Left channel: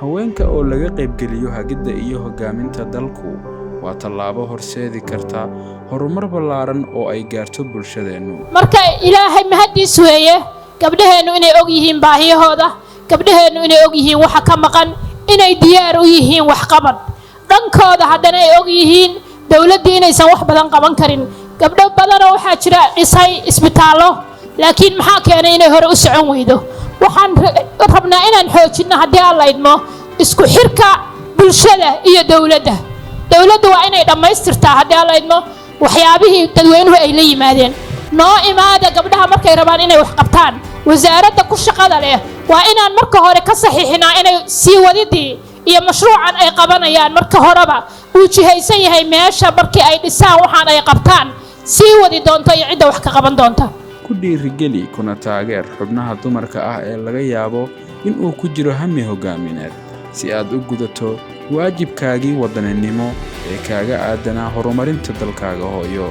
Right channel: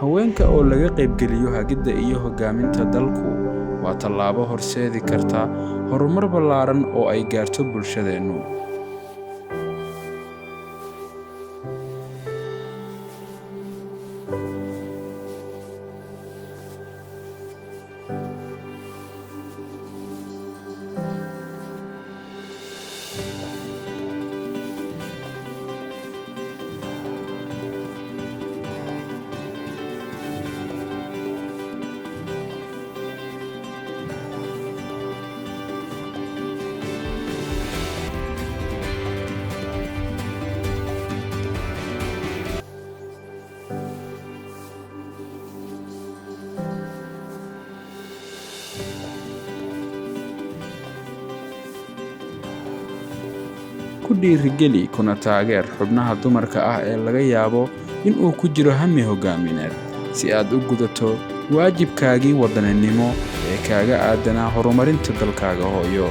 haweenka oo laga qaybgeliyo hagidda iyo hogaaminta dalku waa tallaabo horseedi karta horumar ballaaran oo ay gaarto bulshadeenu. marka ilaahay mahadiis weeye gabdhaheenu inay og yihiin baahiyahooda, gabdhaheenu inay og yihiin waxa ka maqan, inay diyaar u yihiin wax qabad dhankooda, haddana ay og yihiin dawladda inaysan wax badan qaban karin. gabdho badan oo waxa jira dhisay isbitaallo, laakiin maxaa keenay inay hore u socon weydo? waxaan rabnaa inaan xoojino haddii aan la idmo isku xirka bulshada iyo dawladda. dawladda waa inay dhammaystirtaa haddii aan la idmo waxyaabihii dadweynuhu ay la yimaadeen. noo imaada gabdhaha markay rabaan inay wax qabtaan, wasaaradda ku shaqada leh waa inaan marka hore ka saxiixinaa inay sii wadidii iyo mashruucan ay qabanayaan marka horeba uu jihaysan yahay meesha markii ay dhisaan waxaan ay qabtaan sii wadi doonto iyo cidda wax ka qaban doonta. ku dhiirigeli kuna taageer xubnaha dumarka ah ee laga yaabo in uu ku jiro hami hogaamineed si aad u gudato waajibkaagii wadaninimo ee kaaga aadanaa horumarinta dalkaaga hooyo.